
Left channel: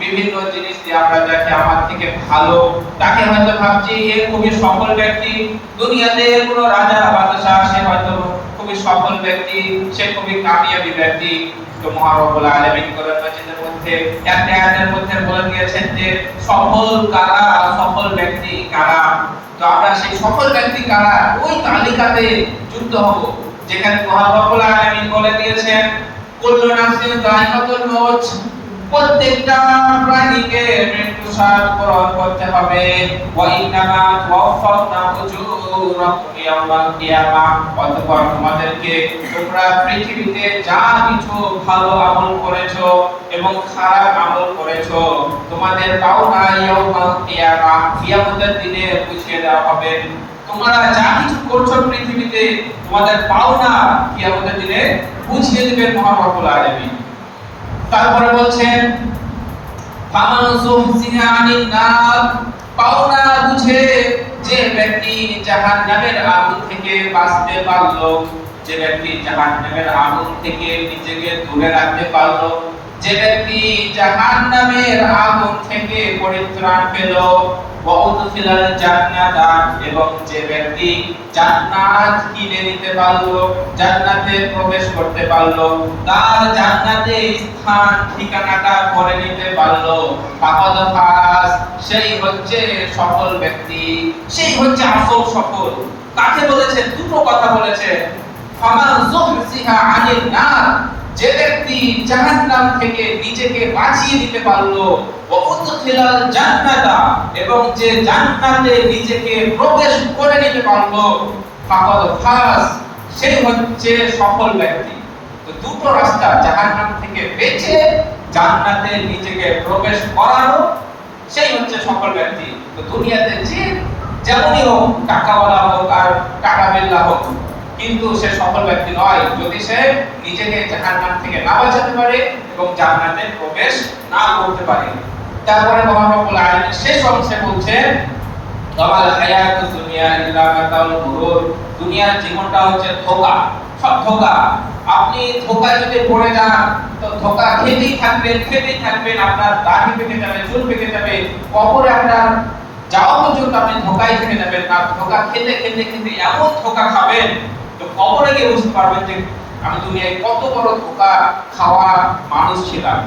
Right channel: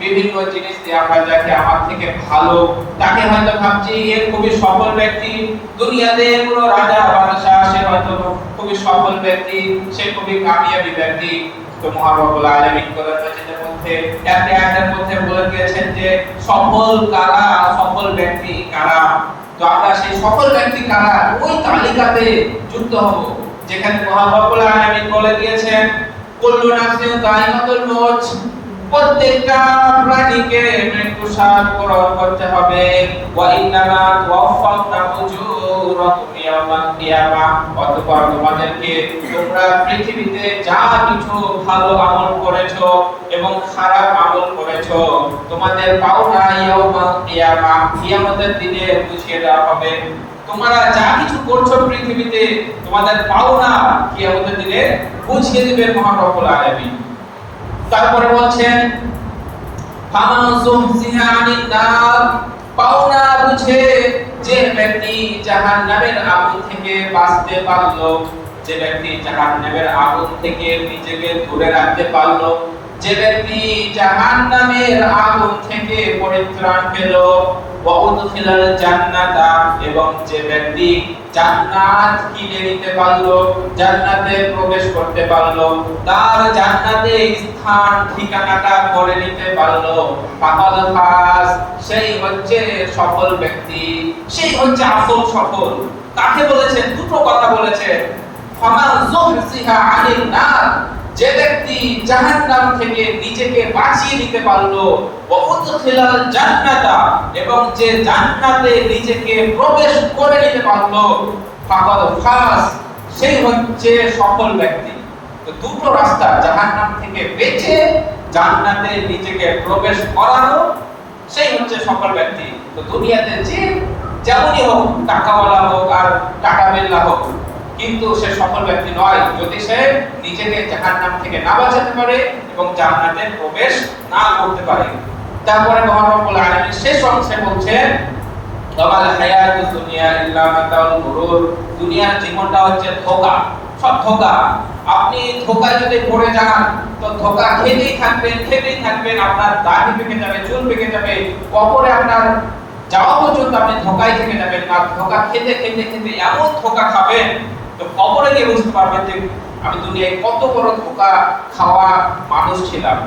বিভিন্ন জিনিস দিয়ে আমরা যাকে আমার থেকে ভালো তাকে হয়তো ভাবছি এ খুবই সফল ব্যক্তি, দুনিয়াতে কোনো রাজা বাদশাহ সে হয়তো খুবই সফল ব্যক্তি, সে খুবই কামিয়াবি ব্যক্তি। তো মহান রব্বুল আলামিন কোরআন মাজিদের মধ্যে একটা আয়াতের মধ্যে বলে দিয়েছেন যে সফল কারা, সফল ব্যক্তি কারা। তো আমরা সেই সফল ব্যক্তি কারা ওই তালিকাতে যুক্ত হব, যেখানে মহান রব্বুল আলামিন বলে দিয়েছেন কুল্লু নাফসিন যায়িকাতুল মউত, প্রত্যেকটা প্রাণীকে মৃত্যু স্বাদ গ্রহণ করতে হবে। ওয়া ইন্নামা তুওয়াফাউনা উজুরাকুম ইয়াওমাল কিয়ামা, অতঃপর তোমাদেরকে তোমরা পৃথিবীতে যা কিছু ভালো আমল করেছো এবং খারাপ আমল করেছো তোমাদের পাওনা ইয়াওমাল কিয়ামা, কিয়ামতের দিনে বুঝিয়ে দেওয়া হবে। তোমরা যা কিছু করছো পৃথিবীতে তোমাদের পাওনা কিয়ামতের দিনে বুঝিয়ে দিবেন মহান রব্বুল আলামিন। তারপরে বলছেন ফামান যুহজিহা আনিন নার, পাওনা বুঝে যে ব্যক্তি জাহান্নামের আগুন থেকে বাঁচতে পারলো, যে ব্যক্তি জাহান্নামের আগুন থেকে নিজেকে দূরে রাখতে পারলো, যে ব্যক্তি জাহান্নামের আগুন থেকে পরিত্রাণ পেল, ওয়া উদখিলাল জান্নাতা, এবং যে ব্যক্তি জান্নাত কিনে নিতে পারলো, জান্নাতে প্রবেশ করতে পারলো, তার জান্নাতে স্থান ঠিকানাটা করে নিতে পারলো, ফাকাদ ফাজ, সেই হচ্ছে সফল ব্যক্তি, সেই হচ্ছে আসল সফল। কাকে বলেছেন? দুটো কথা বলেছেন। ফামান যুহজিহা আনিন নার, যে ব্যক্তি জাহান্নাম থেকে নিজেকে বাঁচিয়ে নিতে পারলো, ওয়া উদখিলাল জান্নাতা, এবং যে জান্নাতে নিজেকে প্রবেশ করে নিতে পারলো, ফাকাদ ফাজ, সেই হচ্ছে সফল ব্যক্তি। তো দুটো রাস্তা, জাহান্নাম থেকে বেঁচে জান্নাতে নিজেকে প্রবেশ করানো, সেই হচ্ছে সফল ব্যক্তি। তো দুনিয়াতে যে যেমনই হোক, টাকাওয়ালা হোক আর টাকা বিল্লা হোক, কিন্তু সে সফল ব্যক্তি নয় যদি সে নিজেকে জাহান্নাম থেকে না বাঁচাতে পারে এবং জান্নাতে প্রবেশ না করতে পারে। তারপরে মহান রব্বুল আলামিন শেষ অংশে বলছেন ওয়ামাল হায়াতুদ দুনিয়া ইল্লা মাতাউল গুরুর, দুনিয়ার জীবনটা হচ্ছে ধোঁকা, সব ধোঁকা। আপনি ধোঁকায় যদি পড়ে যান তো ধোঁকা খেতেই থাকবেন, আপনার দাড়ি পেকে যাবে, চুল পেকে যাবে, কবরে আপনার যাওয়া পর্যন্ত আপনি ধোঁকায় থেকে যাবেন। আর ধোঁকা খেতে এমন ধোঁকা খাবেন তো কবরে গিয়ে বুঝতে পারবেন যে আমি দুনিয়ায় কত বড় ধোঁকা খাওয়া মানুষ ছিলাম।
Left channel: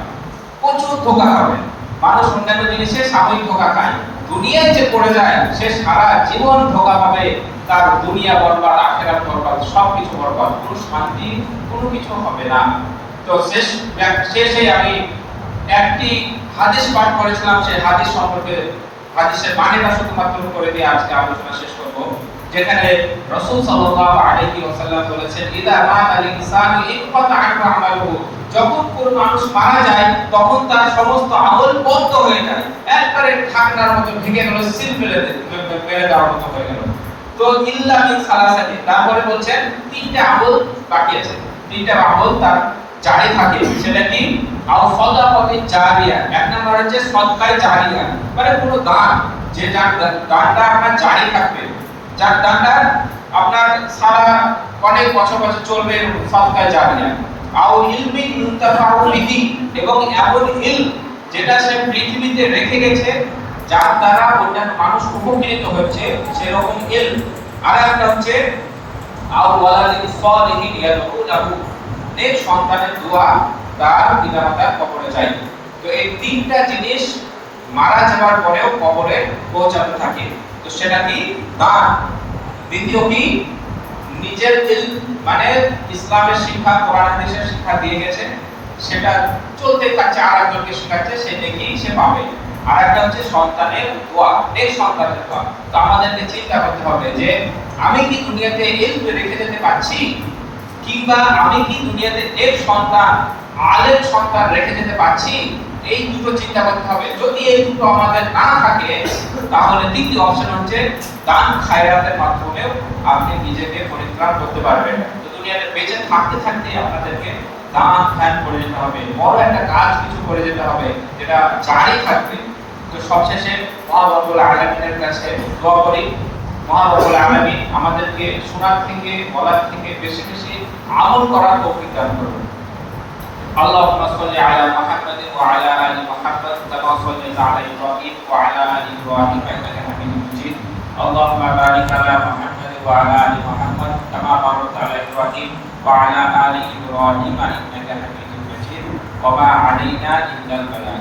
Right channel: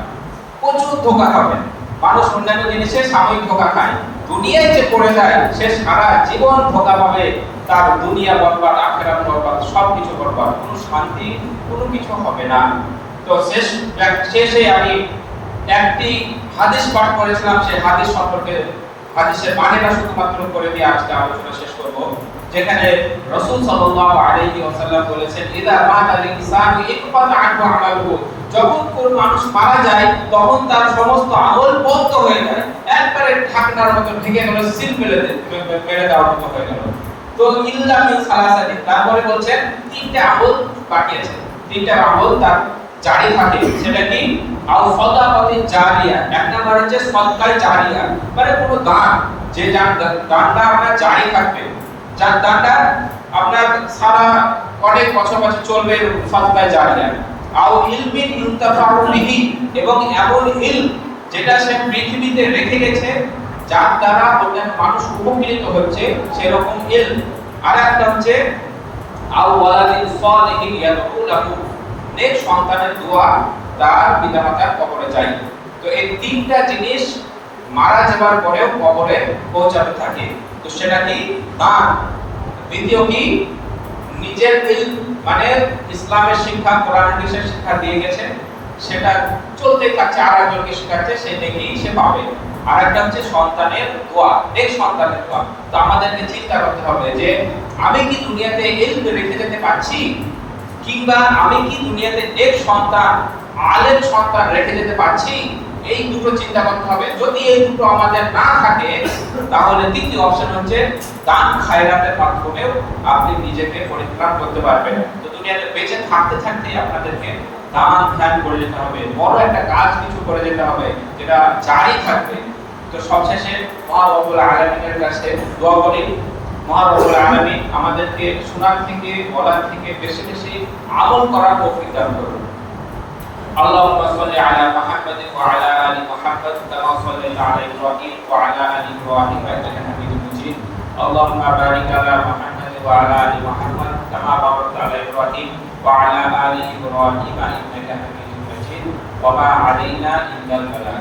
প্রচুর ধোঁকা খাবেন মানুষ, অন্যান্য জিনিসে সাময়িক ধোঁকা খায়, দুনিয়ায় যে পড়ে যায় সে সারা জীবন ধোঁকা পাবে, তার দুনিয়া বরবাদ, আখিরাত বরবাদ, সবকিছু বরবাদ, কোনো শান্তি কোনো কিছু হবে না। তো শেষে আমি একটি হাদিস পাঠ করেছিলাম, সেই হাদিস সম্পর্কে, হাদিসের মানেটা শুধুমাত্র করে দিয়ে আজকে আলোচনা শেষ করব। যেখানে রাসূল সাল্লাল্লাহু আলাইহি ওয়াসাল্লাম বলেছেন ইদা মাতাল ইনসানু ইকফাতা আনহু আমালুহু, যখন কোন মানুষ মারা যায় তখন তার সমস্ত আমল বন্ধ হয়ে যায়, একবারে ঢাকনার মতো ঢেকে গেল, সিল মেরে দেওয়ার মতো হয়ে গেল। তো ইল্লা মিন সালাসাতি, তারপরে বলছেন তিনটা আমল বাকি আছে, তিনটা আমল তার জারি থাকে। সেটা কি? আও সাদাকাতি জারিয়া, এক নাম্বার হচ্ছে সদকায়ে জারিয়া, মানে কোনো দান, যে দানটা আপনার জারি থাকবে, যার দানটা আপনার সারা অনেক বছর চলবে, সদকায়ে জারিয়া। আও ইলমিন ইনতাফাউ বিহি, এবং এমন ইলম যেটা সে পৃথিবীতে রেখে গেছে যার দ্বারা অন্যান্য মানুষ উপকৃত হচ্ছে, সেরকম ইলম। আর একটা হচ্ছে আও ওয়ালাদিন সালিহিন ইয়াদউ লাহু, নেক সন্তানের দোয়া তার পিতামাতার কবরে যায়। তো এই তিনটা জিনিস মারা যাওয়ার পরেও কবরে পৌঁছাতে থাকে। তো সেটা কি? দান। দ্বিতীয় কি? নিজের ইলম, মানে ইসলামের শিক্ষা, কোরআন হাদিসের শিক্ষা দিয়ে গেছে, সেটা চলতে থাকছে, আর একজনকে শেখাচ্ছে, সেটা কি সে পাবে। আর একটা হচ্ছে সন্তানের দোয়া, নেক সন্তানের দোয়া। তো আমাদেরকে চিন্তা করতে হবে যে আমি কি দুনিয়াতে ইলম রেখে যেতে পারছি, কিংবা আমি কি দুনিয়াতে নেক সন্তান, আলেম সন্তান রেখে যেতে পারছি, এই দুটো চিন্তা করতে হবে। যদি এই দুটো আমাদের না থাকে তাহলে তৃতীয় অপশন হচ্ছে দান খায়রাতের মাধ্যমেও আপনি নিজেকে পরিত্রাণ করতে পারবেন। তো দুনিয়াতে বেঁচে থাকতে থাকতে আপনাদেরকে দান ধ্যান করে যেতে হবে, বড় একটা কাজ কিছু করে যেতে হবে যেটা জারি থাকবে। তো সবশেষে মহান রব্বুল আলামিনের কাছে দোয়া করি, মহান রব্বুল আলামিন আমাদেরকে শোনার থেকে বলার থেকে বেশি বেশি আমল করার তৌফিক দান করুন। اللهم صل على محمد وعلى ال محمد كما صليت على ابراهيم وعلى ال ابراهيم انك حميد مجيد. اللهم بارك على محمد وعلى ال محمد كما باركت على ابراهيم وعلى ال ابراهيم انك حميد مجيد. وما علينا الا البلاغ.